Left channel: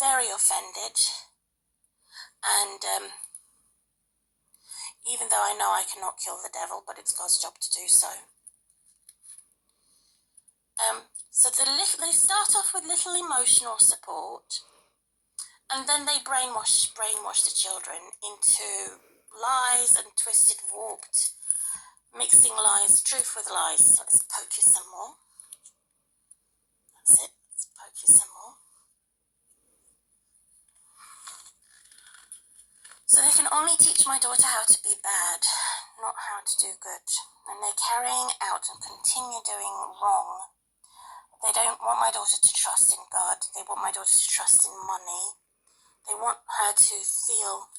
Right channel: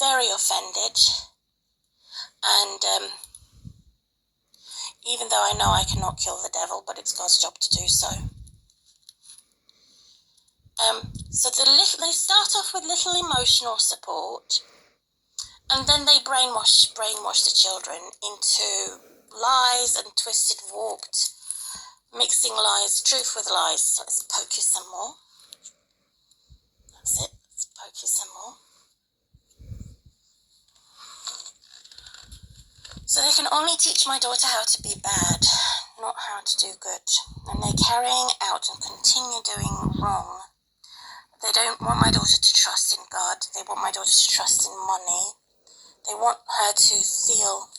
very offended, and even though I know I cannot kill the devil, but it's God's job to do so. So they start off with little emotional support, and then they brainwash the children into lies and twisted, warped, mixing lies, truth with lies. So let's poke you some more. That's it. Let's poke you some more. So they can only teach my daughter how to be bad, not how to do good. And they're carrying out and continue doing wrong. They don't want my daughter to trust in God. They want my daughter to trust in money. They want her to feel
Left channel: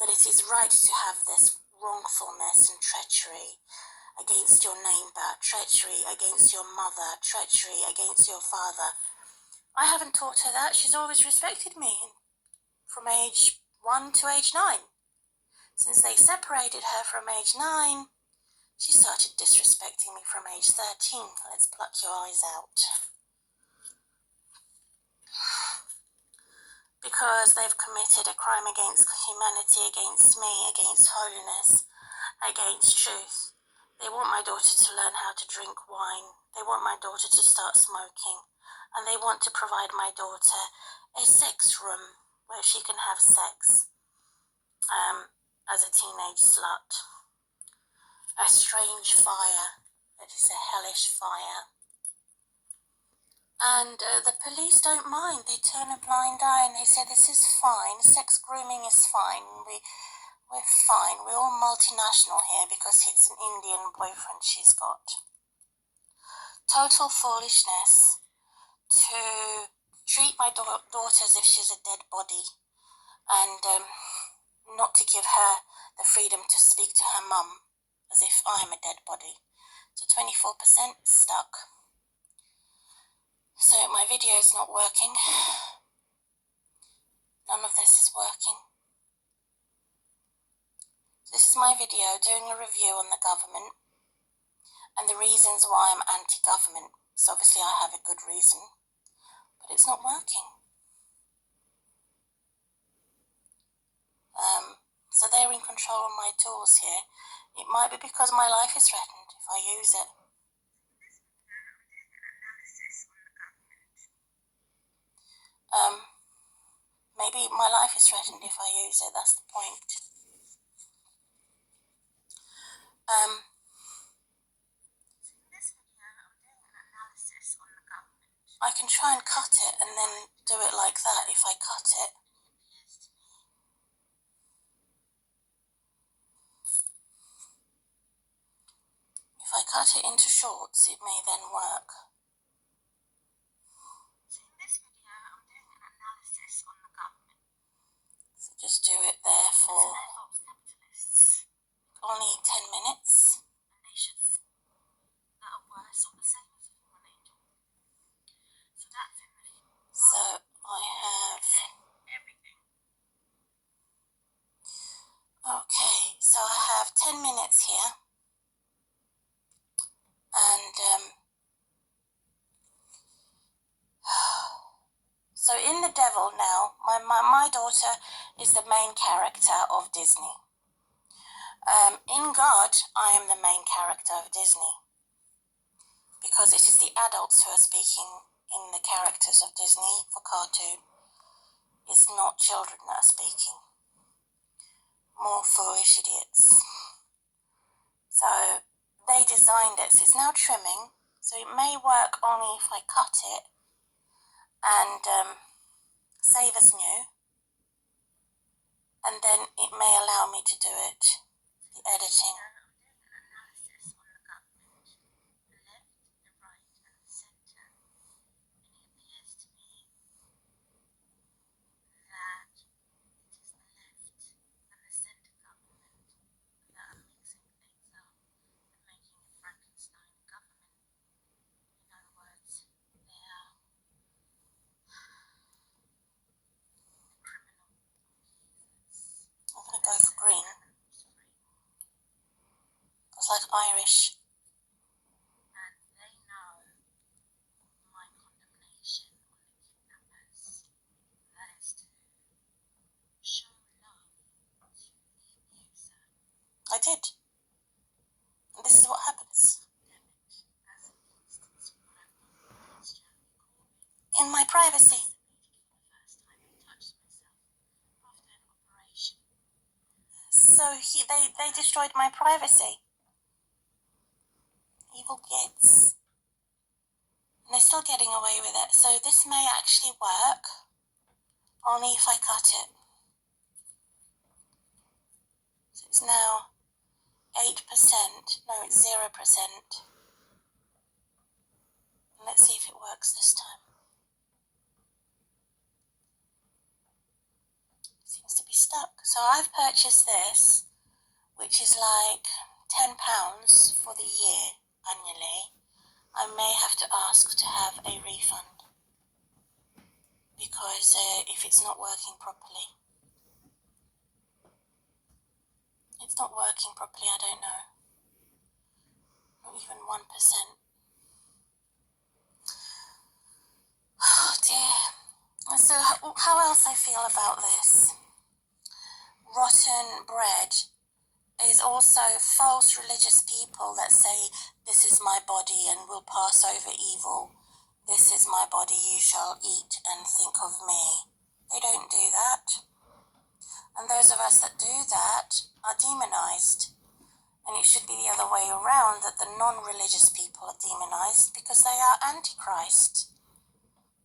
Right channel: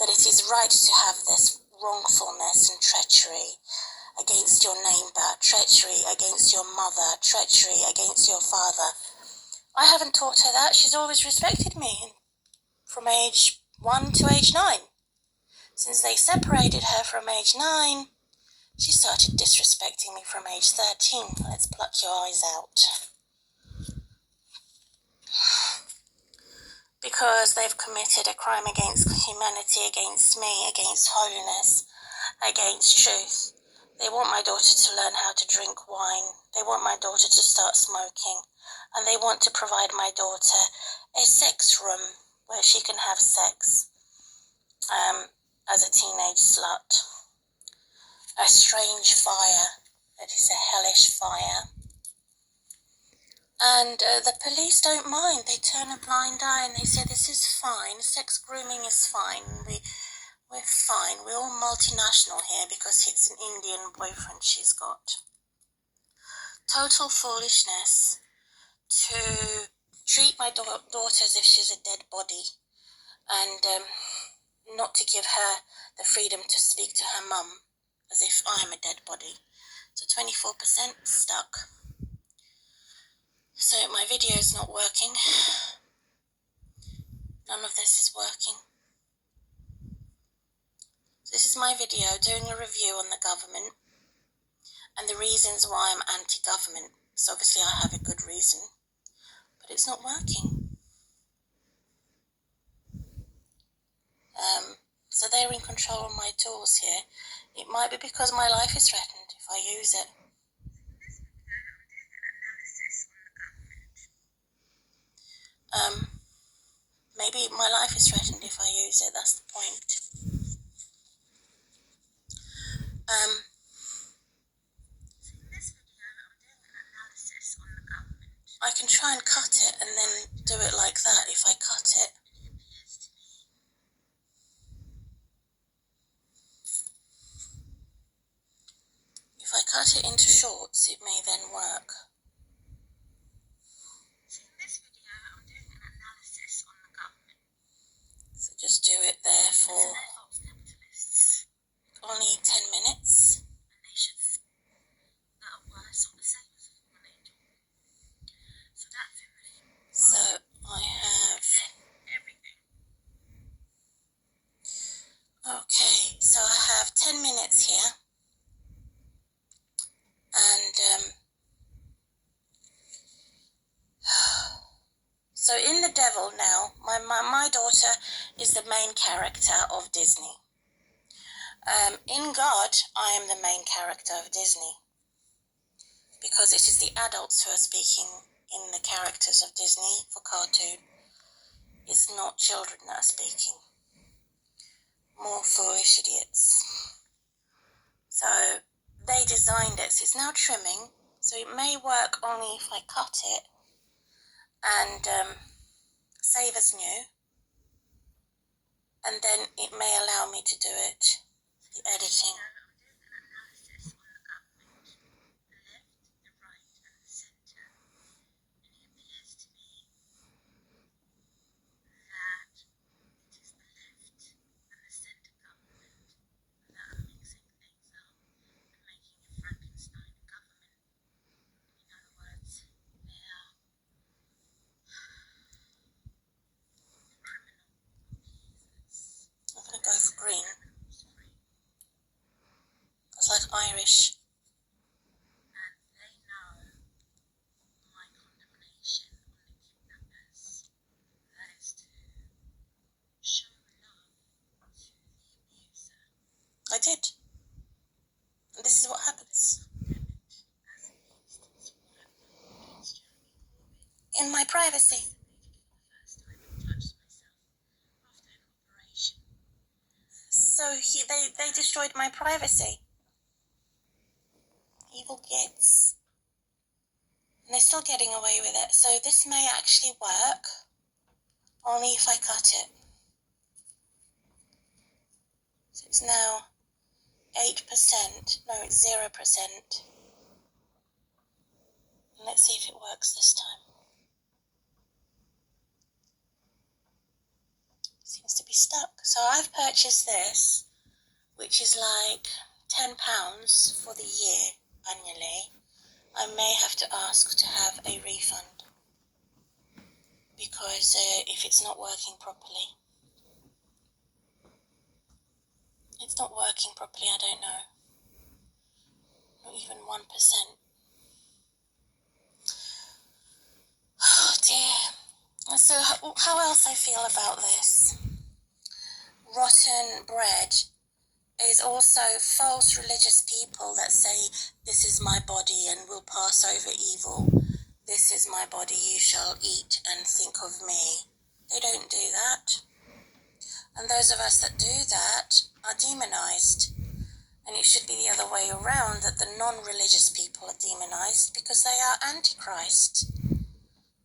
that it is right to have this wrongfulness and treachery against your neighbour, treachery against your mother, treachery against your father. I haven't taught her that. She's always respected me from age 1 to age 9. Since they separated her from age 9, she started disrespecting me from age 13. Let's pluck your eyes out. Because they've committed a crime against humanity, against me, against holiness, against truth. They want my daughter to learn how to drink wine. They want my daughter to start smoking. And they want to provide my daughter a sex room where she can have sex as a teenage slut. A strange fire that is a hellish fire. And the police don't mind. They turn a blind eye and they say, this is fine. Sex grooming is fine. We're fine. We're all multinational here because it's an Indian boyfriend she's got. Total foolishness to treat my daughter as if she's a dead body and not to give her the freedom to speak to her mum as if I'm a dead body. So 24% stuck. So my video is not working. None of this is working. So this is my video doing a review on the government and the reasons why I'm anti-government. So obviously I have a good reason, but it's not working. So they're in control of my tools here. It might be because my life is threatened if I use it. Maybe my life is threatened if I use it, that's the point. I can try and cut it and then do it like that if I cut it. If I cut it into shorts, it may then work. So just do it there for only 10 minutes. So I have, okay, so I have 10 minutes here, and so in The Devil now, my daughter is the main character of Disney. In God, I am the main character of Disney, because it is the adults who are speaking in the characters of Disney for cartoon. It's not children that are speaking. More foolish idiots. So they designed it, so it's now trimming, so it may work only if I cut it and save as new, and then it may allow me to do it, the editing. I'm going to go for green. It's like Irish. I did. And this is what happens. In my privacy. So they destroyed my privacy. Evil gits. And they're still getting away with it. So this may actually work, only if I cut it. So it's now 8%. No, it's 0%. And let's see if it works this time. Seems to be stuck. So I've purchased this, which is like £10 for the year annually. I may have to ask to have a refund because if it's not working properly. It's not working properly, I don't know. Not even 1%. Oh dear. So how else I feel about this? Rotten bread is also false religious people that say, this is my body and will pass over evil. This is my body, you shall eat and think of me. They don't do that. And those of us that do that are demonized. And it should be the other way around, that the non-religious people are demonized because they are antichrist.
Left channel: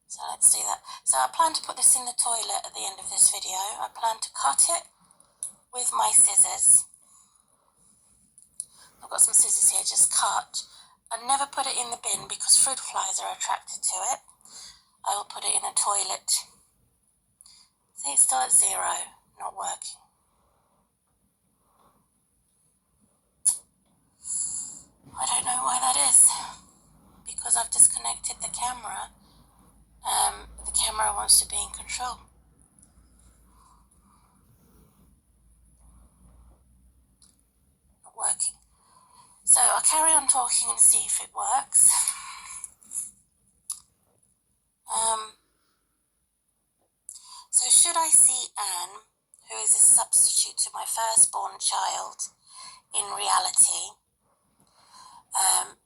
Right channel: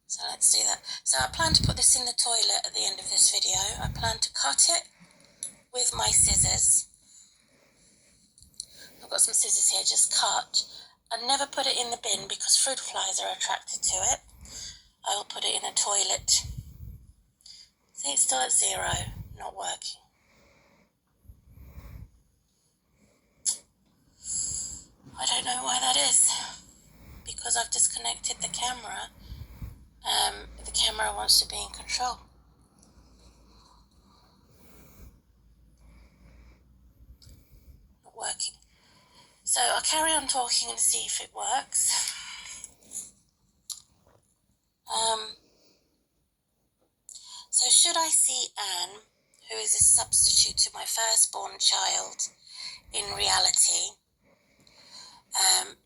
So let's do that. So I plan to put this in the toilet at the end of this video. I plan to cut it with my scissors. I've got some scissors here, just cut. I never put it in the bin because fruit flies are attracted to it. I will put it in a toilet. See, it's still at 0, not working. I don't know why that is. Because I've disconnected the camera. The camera wants to be in control. Not working. So I'll carry on talking and see if it works. So should I see Anne, who is a substitute to my firstborn child, in reality?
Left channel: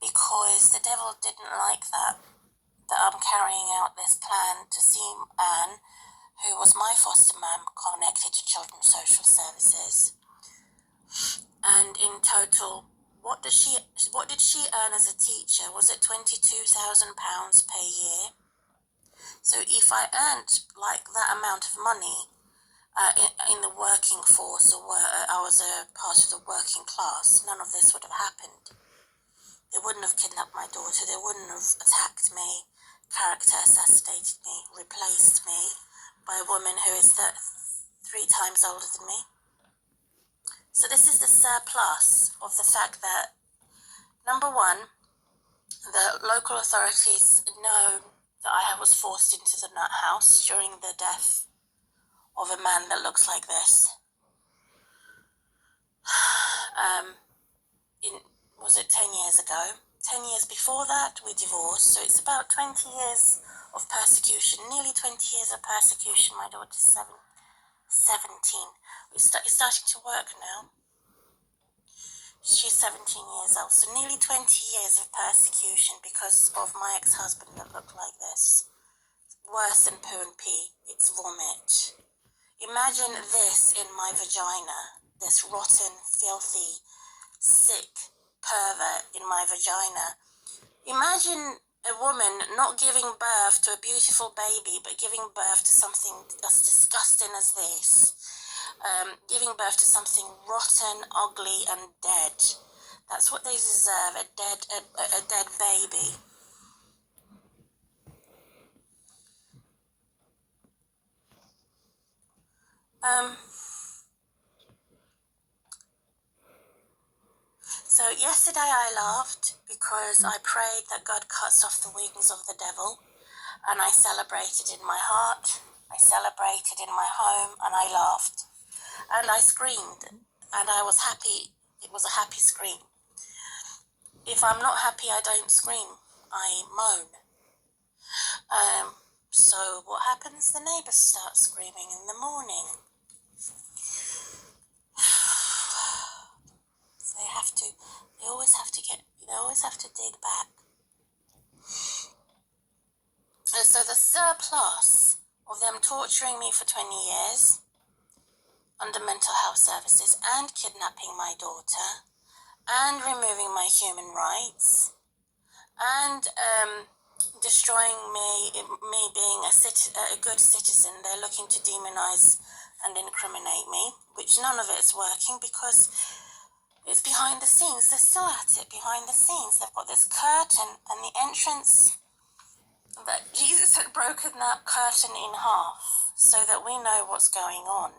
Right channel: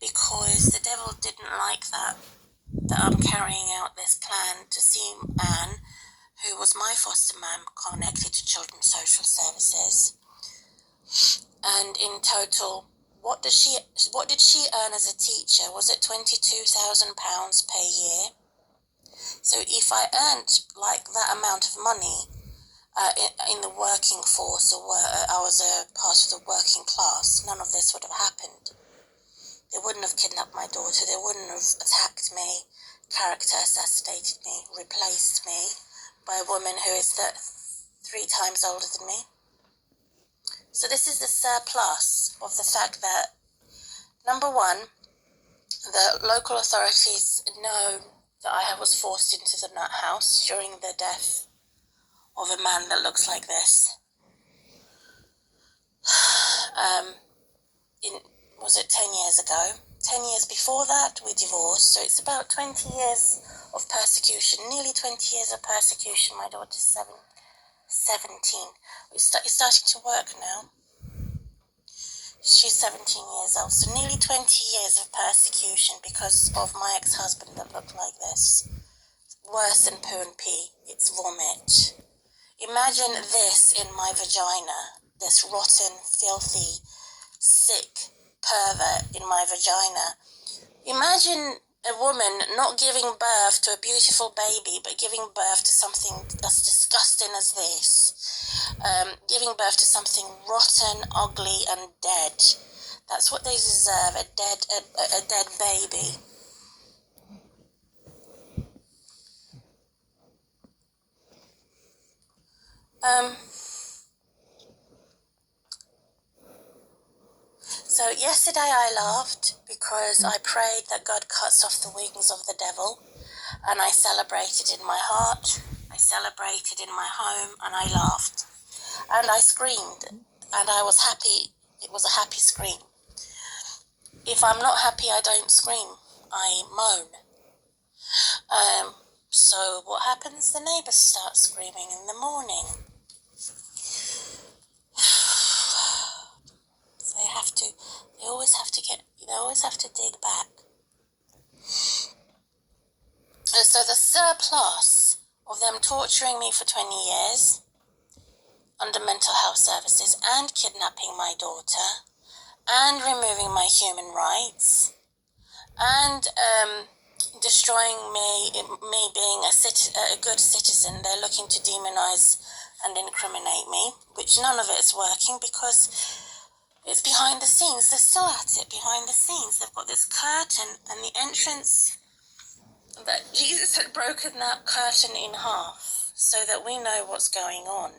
Because the devil didn't like that I'm carrying out this plan to see Anne, who was my foster mum, connected to Children's Social Services. And in total, what did she earn as a teacher? Was it £22,000 per year? So if I earned like that amount of money in the working force, or I was a part of the working class, none of this would have happened. They wouldn't have kidnapped my daughter. They wouldn't have attacked me, character assassinated me, replaced me by a woman who is 3 times older than me. So this is the surplus of the fact that, number one, the local authorities know that I was forced into the nut house during the death of a man that looks like this. Was it 10 years ago? 10 years before that, we divorced. So it's about 20 years of persecution, nearly 20 years of persecution. My daughter's 17. It's starting to work now. She's 17 years old. So nearly 20 years of persecution because of my ex-husband that looked like this. Worse than poo and pee. It's vomit. Imagine this in my vagina. This rotten, filthy, sick pervert in my vagina. Imagine a woman not giving birth to a beautiful baby, but giving birth to something as disgusting as this. Giving birth to something rotten, ugly, and dead. That's what they deserve, a dead baby. So yesterday I laughed because I prayed that God cuts off the wings of the devil, and I celebrated in my heart, I celebrated in my home, and I laughed. And I screamed, and I was happy. It was a happy scream. If I'm not happy, I don't scream. I moan. So what happens? The neighbours start screaming in the morning. They always have to dig back. And so the surplus of them torturing me for 20 years under mental health services and kidnapping my daughter and removing my human rights and destroying me being a good citizen. They're looking to demonize and incriminate me, which none of it's working because it's behind the scenes. They're still at it behind the scenes. They've got this curtain, and the entrance that Jesus had broken that curtain in half so that we know what's going on.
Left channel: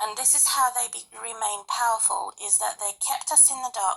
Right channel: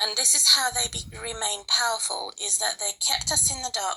And this is how they remain powerful, is that they kept us in the dark